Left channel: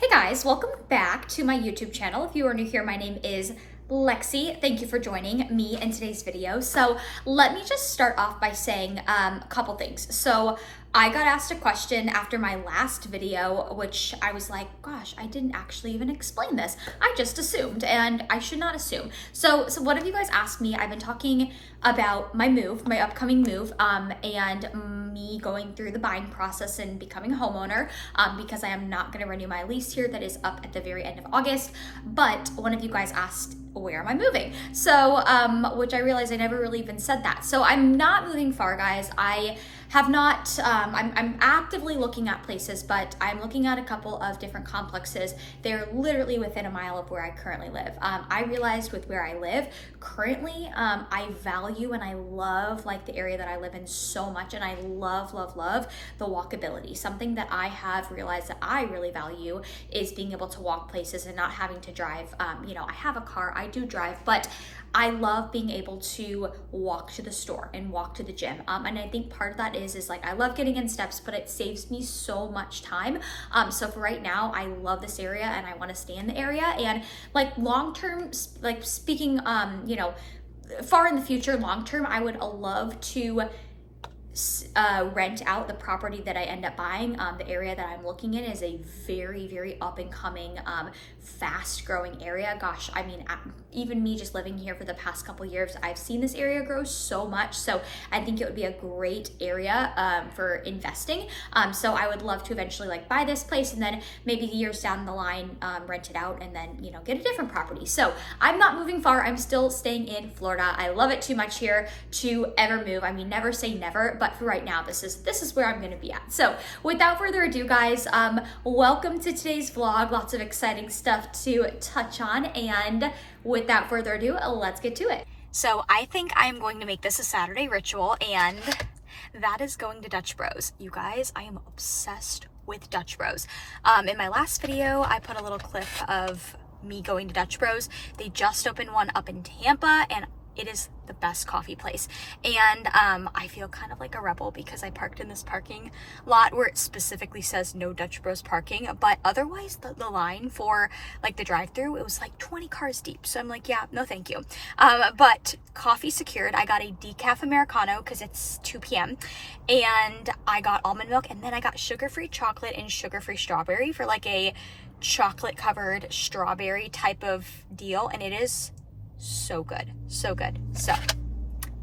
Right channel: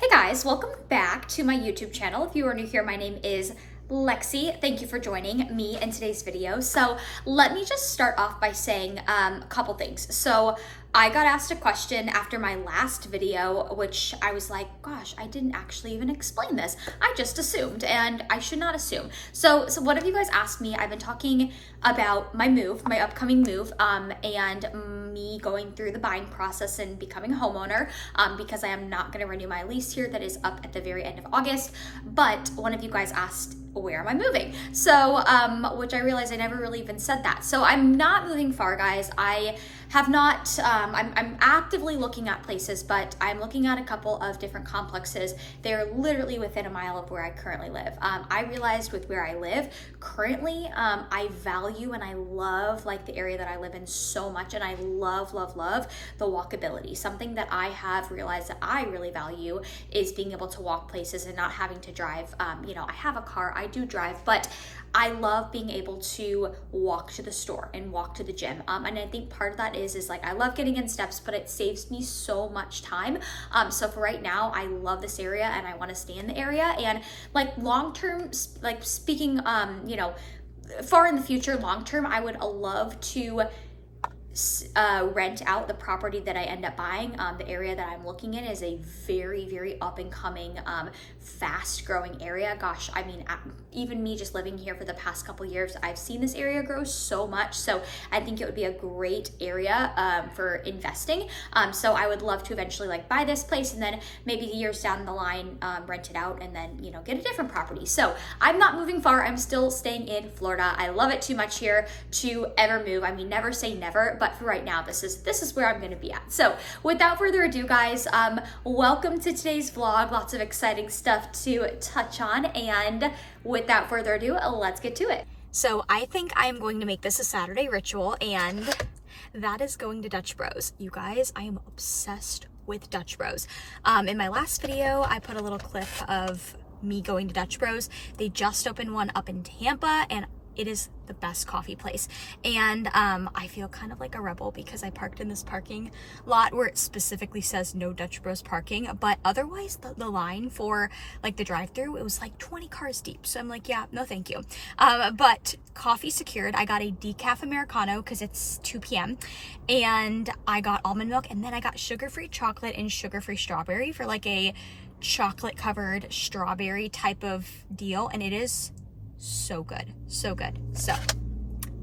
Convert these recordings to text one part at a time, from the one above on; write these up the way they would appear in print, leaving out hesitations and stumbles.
Hey guys, welcome back to my YouTube channel. If you are new here, my name is Lexi. Thank you for joining me in today's video. So let me just start off by saying a couple things. So I got asked a question after my last video, which I was like, gosh, I didn't actually even explain this. I just assumed, and I should not assume. So one of you guys asked me, I've been talking about my move, my upcoming move, and me going through the buying process and becoming a homeowner, because I am not gonna renew my lease here that is up at the very end of August. But one of you guys asked, where am I moving? So, which I realized I never really even said that. So I'm not moving far, guys. I have not, I'm actively looking at places, but I'm looking at a couple of different complexes. They're literally within a mile of where I currently live. I realized with where I live currently, I value and I love like the area that I live in so much. And I love the walkability. Something that I have realized that I really value is being able to walk places and not having to drive. I have a car, I do drive, but I love being able to walk to the store and walk to the gym. And I think part of that is like, I love getting in steps, but it saves me so much time. So for right now, I love this area and I want to stay in the area. And like long-term, like speaking, far in the future, long-term, I would love to rent out the property that I end up buying. The area that I'm looking in is a very up and coming, fast growing area. Gosh, I mean, even me just living here for the past couple years, I've seen this area grow so much. So I think it would be a great area for investing. So I would love to eventually like buy this place and then maybe years down the line rent it out and then get a different property. So I'm not moving far. I'm still staying in Florida. I love it too much here to ever move. I mean, never say never, but for right now, this is where I'm going to be at. So without further ado, guys, welcome to today's vlog. Lots of exciting stuff to touch on, and without further ado, let's get to it. So I think I'm going to make this a Saturday ritual, and that is going to Dutch Bros. You guys, I am obsessed with Dutch Bros. In my last video, I put a little clip of me going to Dutch Bros. They just opened one up in Tampa, and it is the best coffee place. And I feel kind of like a rebel because I parked in this parking lot where it specifically says no Dutch Bros parking, but otherwise the line for like the drive-through, it was like 20 cars deep. So I'm like, yeah, no thank you. But coffee secured. I got a decaf Americano because it's 2 p.m. and I got almond milk, and then I got sugar-free chocolate and sugar-free strawberry for like a chocolate covered strawberry type of deal, and it is so good. So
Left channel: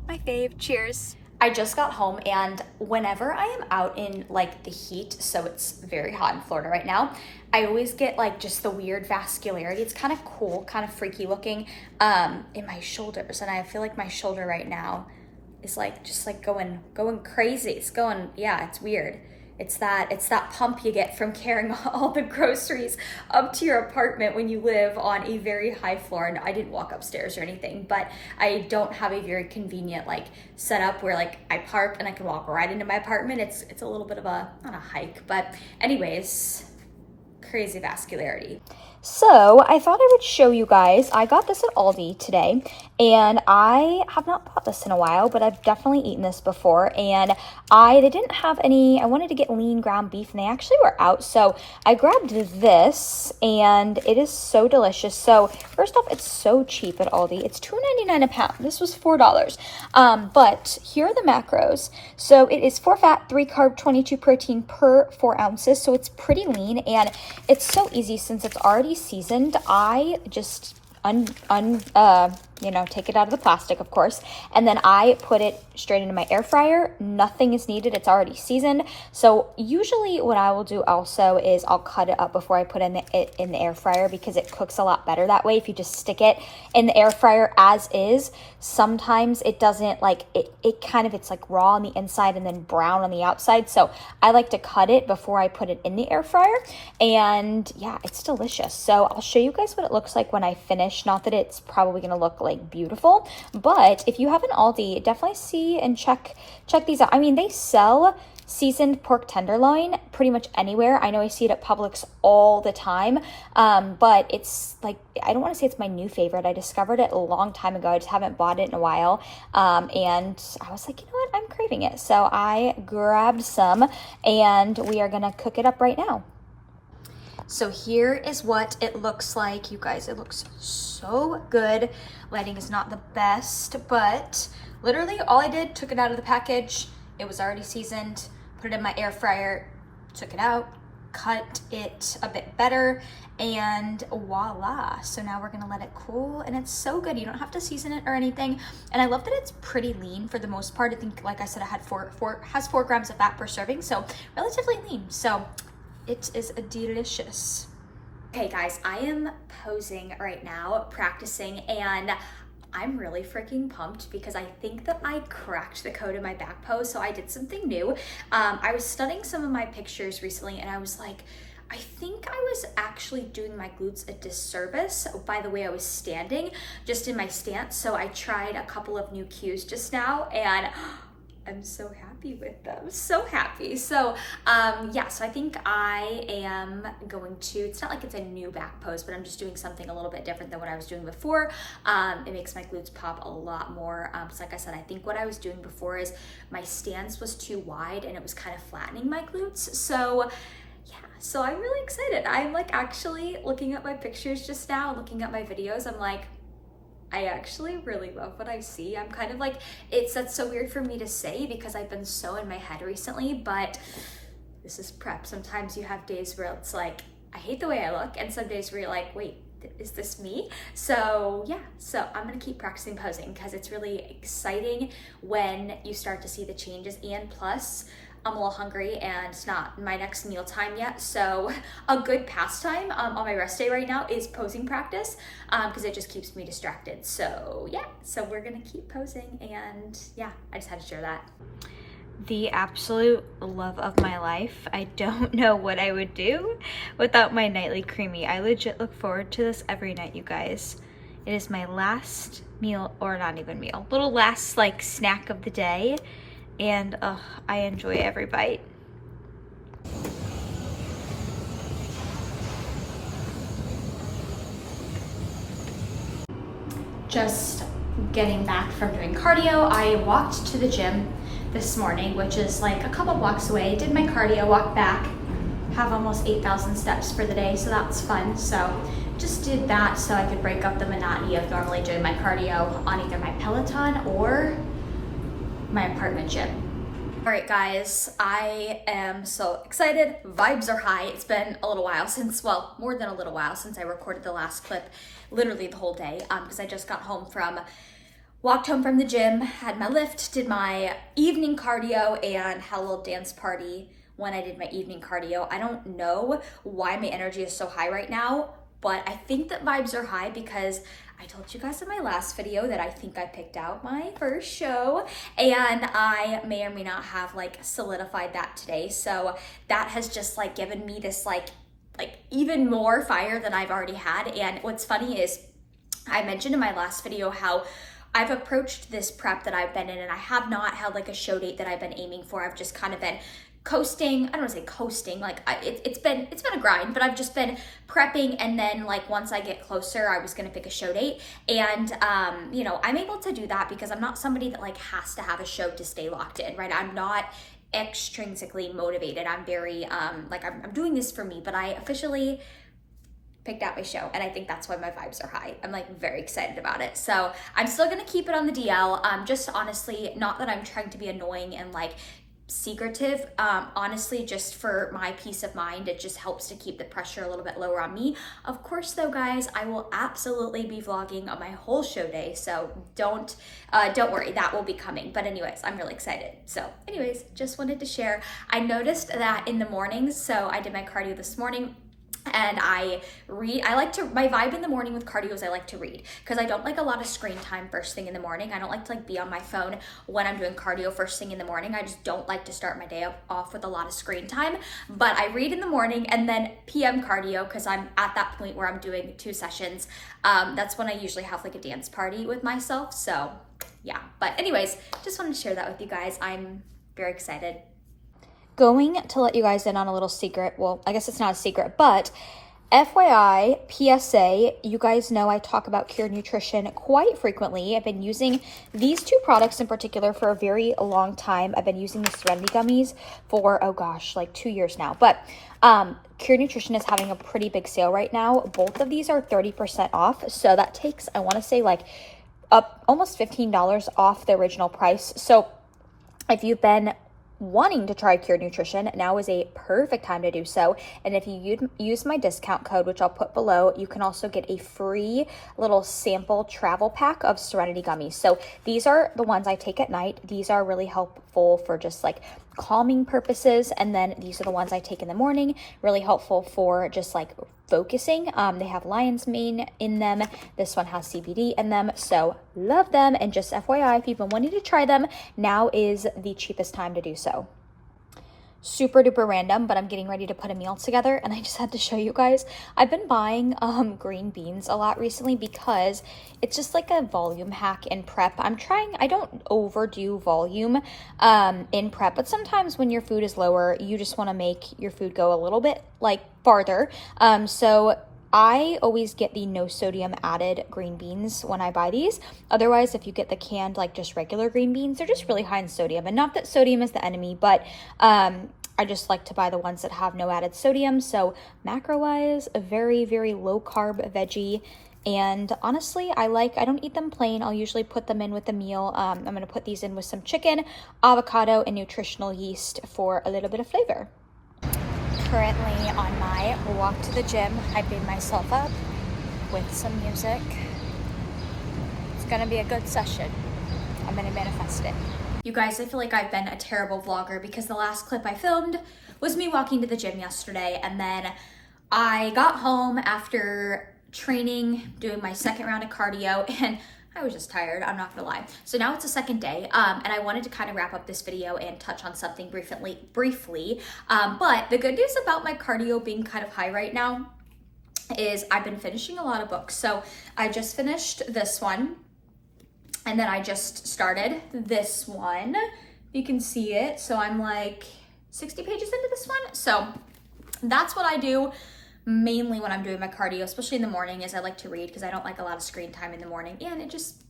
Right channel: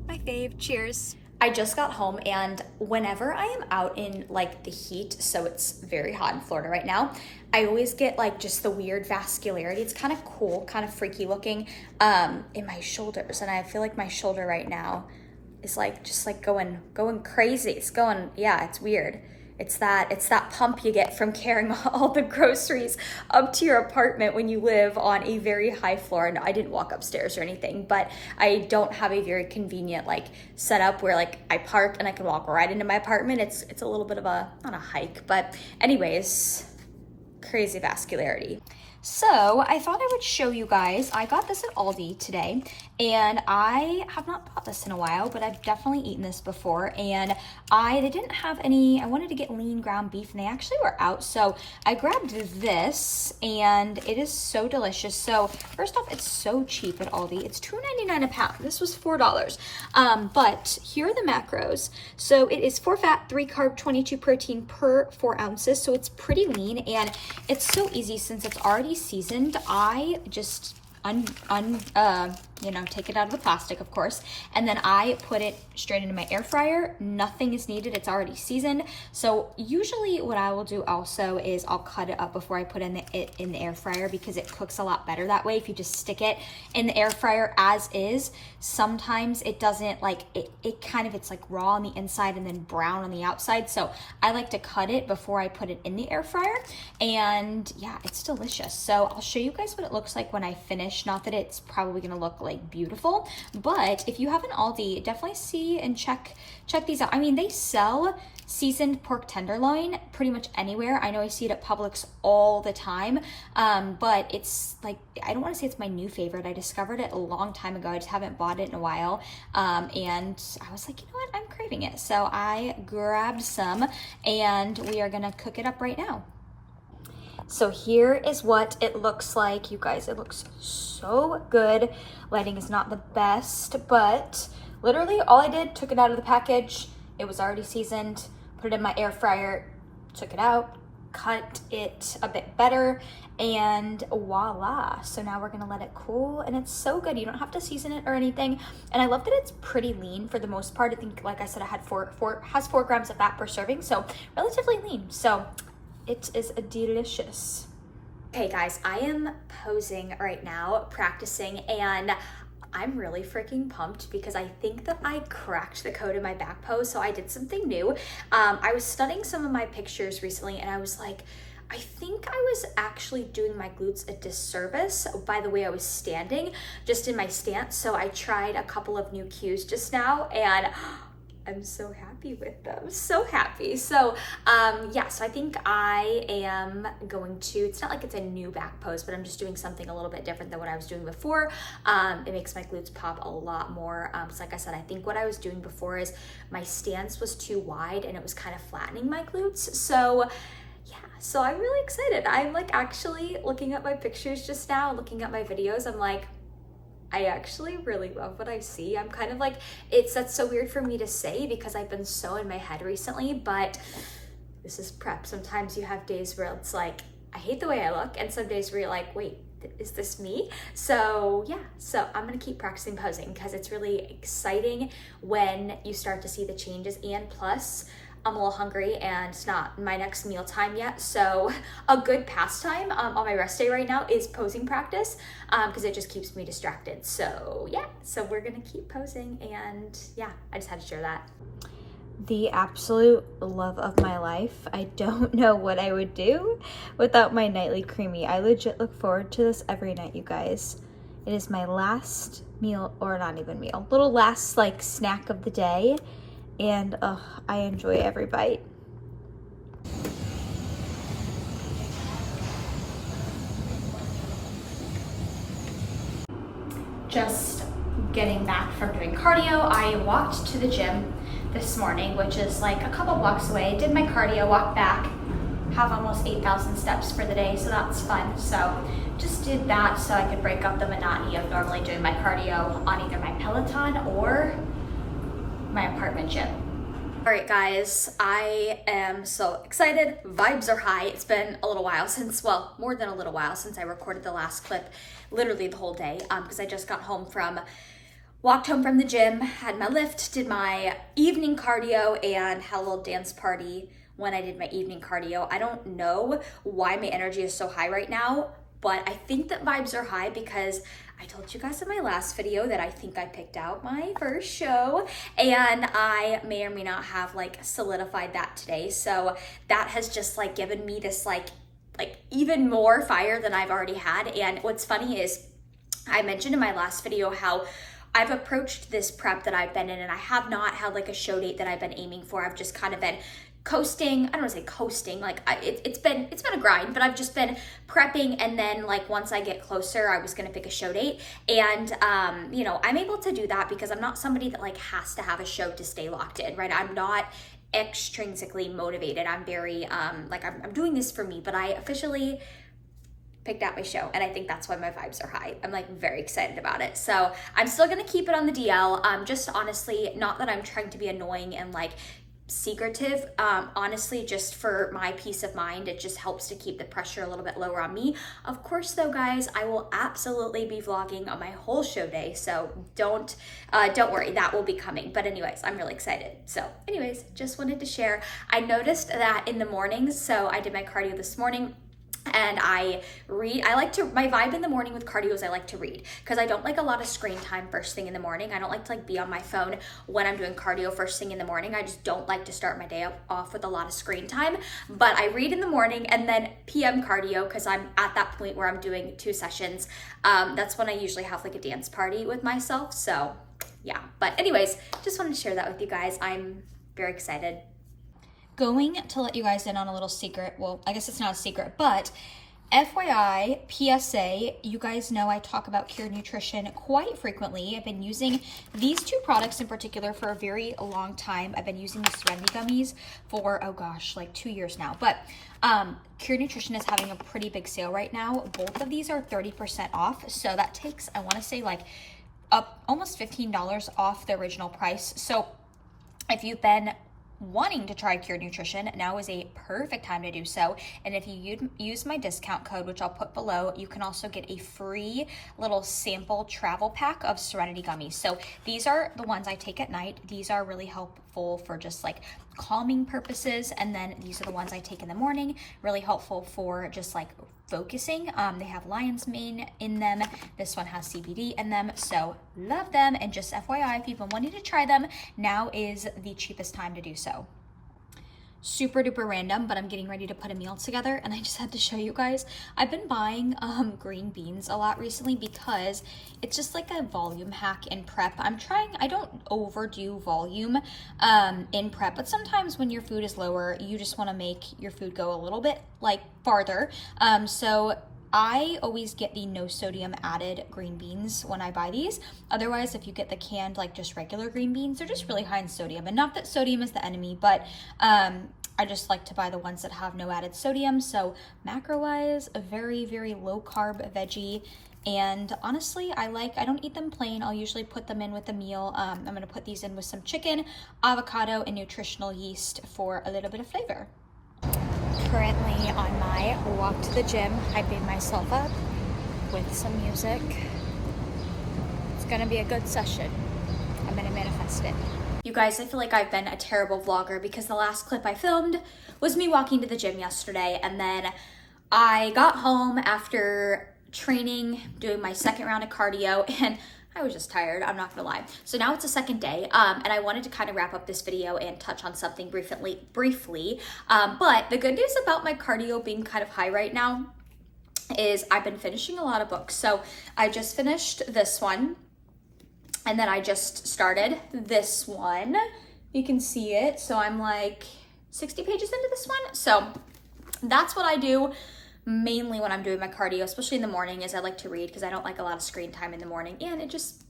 my fave. Cheers. I just got home, and whenever I am out in like the heat, so it's very hot in Florida right now, I always get like just the weird vascularity. It's kind of cool, kind of freaky looking in my shoulders, and I feel like my shoulder right now is like just like going crazy. It's going, yeah, it's weird. It's that pump you get from carrying all the groceries up to your apartment when you live on a very high floor. And I didn't walk upstairs or anything, but I don't have a very convenient like setup where like I park and I can walk right into my apartment. It's a little bit of a, not a hike, but anyways, crazy vascularity. So I thought I would show you guys. I got this at Aldi today, and I have not bought this in a while, but I've definitely eaten this before. And they didn't have any. I wanted to get lean ground beef, and they actually were out. So I grabbed this, and it is so delicious. So first off, it's so cheap at Aldi. It's $2.99 a pound. This was $4. But here are the macros. So it is 4 fat, 3 carb, 22 protein per 4 ounces. So it's pretty lean, and it's so easy since it's already seasoned. I just take it out of the plastic, of course, and then I put it straight into my air fryer. Nothing is needed. It's already seasoned. So usually what I will do also is I'll cut it up before I put it in the air fryer, because it cooks a lot better that way. If you just stick it in the air fryer as is, sometimes it doesn't like it kind of, it's like raw on the inside and then brown on the outside. So I like to cut it before I put it in the air fryer, and yeah, it's delicious. So I'll show you guys what it looks like when I finish. Not that it's probably gonna look like beautiful, but if you have an Aldi, definitely see and check these out. I mean, they sell seasoned pork tenderloin pretty much anywhere. I know I see it at Publix all the time, but it's like, I don't want to say it's my new favorite. I discovered it a long time ago. I just haven't bought it in a while, and I was like, you know what, I'm craving it. So I grabbed some, and we are gonna cook it up right now. So here is what it looks like. You guys, it looks so good. Lighting is not the best, but literally all I did, took it out of the package. It was already seasoned, put it in my air fryer, took it out, cut it a bit better, and voila. So now we're gonna let it cool, and it's so good. You don't have to season it or anything. And I love that it's pretty lean for the most part. I think, like I said, it had has 4 grams of fat per serving, so relatively lean. So it is delicious. Okay guys, I am posing right now, practicing, and I'm really freaking pumped because I think that I cracked the code in my back pose. So I did something new. I was studying some of my pictures recently, and I was like, I think I was actually doing my glutes a disservice by the way I was standing, just in my stance. So I tried a couple of new cues just now, and I'm so happy with them, so happy. So yeah, so I think I am going to, it's not like it's a new back pose, but I'm just doing something a little bit different than what I was doing before. It makes my glutes pop a lot more. So like I said, I think what I was doing before is my stance was too wide and it was kind of flattening my glutes. So yeah, so I'm really excited. I'm like actually looking at my pictures just now, looking at my videos, I'm like, I actually really love what I see. I'm kind of like, that's so weird for me to say because I've been so in my head recently, but this is prep. Sometimes you have days where it's like, I hate the way I look, and some days where you're like, wait, is this me? So yeah, so I'm gonna keep practicing posing because it's really exciting when you start to see the changes, and plus, I'm a little hungry and it's not my next meal time yet. So a good pastime on my rest day right now is posing practice because it just keeps me distracted. So yeah, so we're gonna keep posing, and yeah, I just had to share that. The absolute love of my life. I don't know what I would do without my nightly creamy. I legit look forward to this every night, you guys. It is my last meal, or not even meal, little last like snack of the day. And I enjoy every bite. Just getting back from doing cardio. I walked to the gym this morning, which is like a couple blocks away. Did my cardio, walked back, have almost 8,000 steps for the day, so that's fun. So just did that so I could break up the monotony of normally doing my cardio on either my Peloton or my apartment gym. All right, guys, I am so excited. Vibes are high. It's been a little while since, well, more than a little while since I recorded the last clip, literally the whole day, because I just walked home from the gym, had my lift, did my evening cardio, and had a little dance party when I did my evening cardio. I don't know why my energy is so high right now, but I think that vibes are high because I told you guys in my last video that I think I picked out my first show, and I may or may not have like solidified that today. So that has just like given me this like even more fire than I've already had. And what's funny is I mentioned in my last video how I've approached this prep that I've been in, and I have not had like a show date that I've been aiming for. I've just kind of been coasting. I don't want to say coasting, like it's been a grind, but I've just been prepping, and then like once I get closer, I was gonna pick a show date. And you know, I'm able to do that because I'm not somebody that like has to have a show to stay locked in, right? I'm not extrinsically motivated. I'm very like I'm doing this for me, but I officially picked out my show, and I think that's why my vibes are high. I'm like very excited about it. So I'm still gonna keep it on the DL. Just honestly, not that I'm trying to be annoying and like secretive, honestly, just for my peace of mind. It just helps to keep the pressure a little bit lower on me. Of course though, guys, I will absolutely be vlogging on my whole show day, so don't worry, that will be coming. But anyways, I'm really excited. So anyways, just wanted to share. I noticed that in the mornings, so I did my cardio this morning, and I read. My vibe in the morning with cardio is I like to read, because I don't like a lot of screen time first thing in the morning. I don't like to like be on my phone when I'm doing cardio first thing in the morning. I just don't like to start my day off with a lot of screen time. But I read in the morning, and then PM cardio, because I'm at that point where I'm doing 2 sessions. That's when I usually have like a dance party with myself. So yeah, but anyways, just wanted to share that with you guys. I'm very excited. Going to let you guys in on a little secret. Well, I guess it's not a secret, but FYI, PSA, you guys know I talk about Cured Nutrition quite frequently. I've been using these two products in particular for a very long time. I've been using the Serenity Gummies for, oh gosh, like 2 years now. But Cured Nutrition is having a pretty big sale right now. Both of these are 30% off. So that takes, I want to say, like up almost $15 off the original price. So if you've been wanting to try Cured Nutrition, now is a perfect time to do so. And if you use my discount code, which I'll put below, you can also get a free little sample travel pack of Serenity Gummies. So these are the ones I take at night. These are really helpful for just like calming purposes. And then these are the ones I take in the morning, really helpful for just like focusing. They have lion's mane in them. This one has CBD in them, so love them. And just FYI, if you've been wanting to try them, now is the cheapest time to do so. Super duper random, but I'm getting ready to put a meal together and I just had to show you guys. I've been buying green beans a lot recently because it's just like a volume hack in prep. I don't overdo volume in prep, but sometimes when your food is lower, you just want to make your food go a little bit like farther. So I always get the no sodium added green beans when I buy these. Otherwise, if you get the canned, like just regular green beans, they're just really high in sodium. And not that sodium is the enemy, but I just like to buy the ones that have no added sodium. So macro-wise, a very, very low carb veggie. And honestly, I don't eat them plain. I'll usually put them in with the meal. I'm gonna put these in with some chicken, avocado, and nutritional yeast for a little bit of flavor. Currently on my walk to the gym, hyping myself up with some music. It's gonna be a good session. I'm gonna manifest it. You guys, I feel like I've been a terrible vlogger because the last clip I filmed was me walking to the gym yesterday, and then I got home after training, doing my second round of cardio, and I was just tired, I'm not gonna lie. So now it's the second day, and I wanted to kind of wrap up this video and touch on something briefly. But the good news about my cardio being kind of high right now is I've been finishing a lot of books. So I just finished this one, and then I just started this one. You can see it. So I'm like 60 pages into this one. So that's what I do mainly when I'm doing my cardio, especially in the morning, is I like to read because I don't like a lot of screen time in the morning. And it just,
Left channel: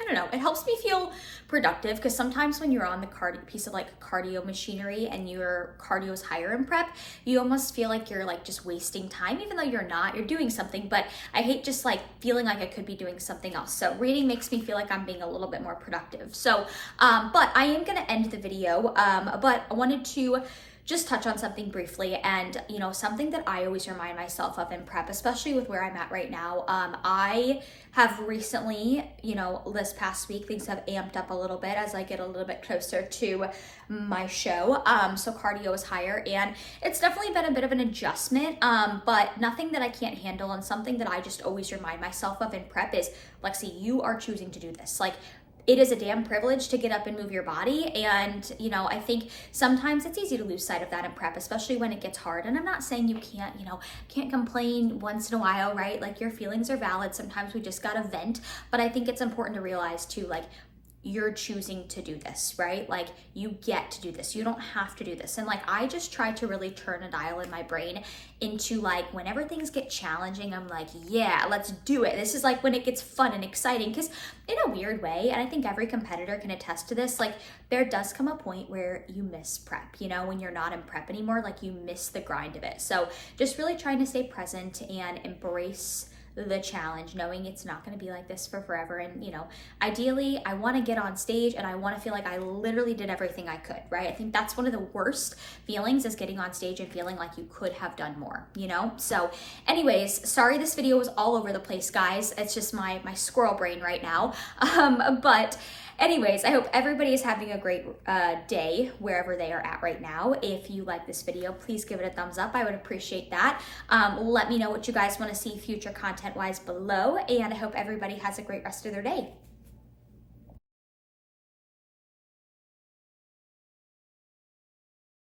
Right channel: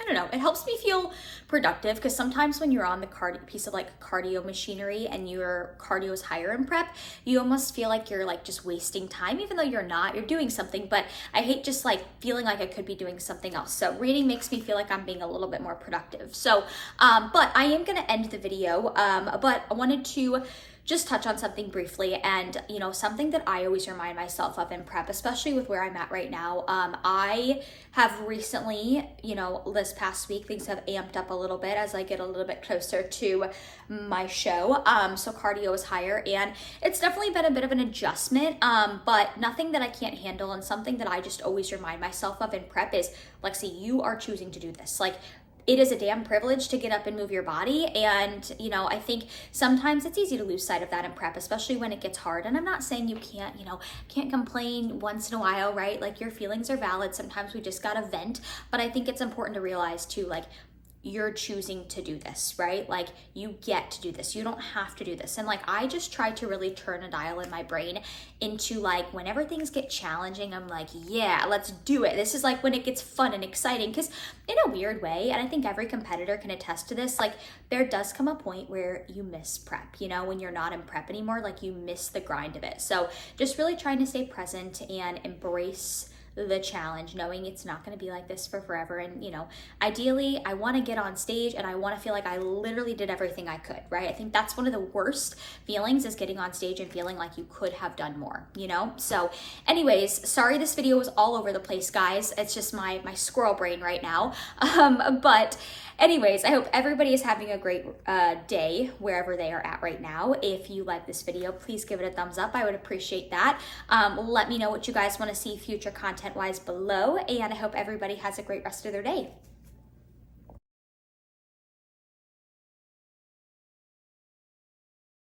I don't know, it helps me feel productive because sometimes when you're on the piece of like cardio machinery and your cardio is higher in prep, you almost feel like you're like just wasting time, even though you're not, you're doing something. But I hate just like feeling like I could be doing something else. So reading makes me feel like I'm being a little bit more productive. So, but I am going to end the video, but I wanted to just touch on something briefly, and you know, something that I always remind myself of in prep, especially with where I'm at right now. I have recently, you know, this past week, things have amped up a little bit as I get a little bit closer to my show. So cardio is higher, and it's definitely been a bit of an adjustment, but nothing that I can't handle, and something that I just always remind myself of in prep is, Lexi, you are choosing to do this. Like, it is a damn privilege to get up and move your body. And, you know, I think sometimes it's easy to lose sight of that in prep, especially when it gets hard. And I'm not saying you can't, you know, can't complain once in a while, right? Like, your feelings are valid. Sometimes we just gotta vent. But I think it's important to realize too, like, you're choosing to do this, right? Like, you get to do this. You don't have to do this. And like, I just try to really turn a dial in my brain into like, whenever things get challenging, I'm like, yeah, let's do it. This is like when it gets fun and exciting, because in a weird way, and I think every competitor can attest to this, like, there does come a point where you miss prep, you know, when you're not in prep anymore, like, you miss the grind of it. So just really trying to stay present and embrace the challenge, knowing it's not going to be like this for forever. And, you know, ideally I want to get on stage and I want to feel like I literally did everything I could, right? I think that's one of the worst feelings, is getting on stage and feeling like you could have done more, you know? So anyways, sorry this video was all over the place, guys. It's just my squirrel brain right now. But anyways, I hope everybody is having a great day wherever they are at right now. If you like this video, please give it a thumbs up. I would appreciate that. Let me know what you guys want to see future content-wise below, and I hope everybody has a great rest of their day.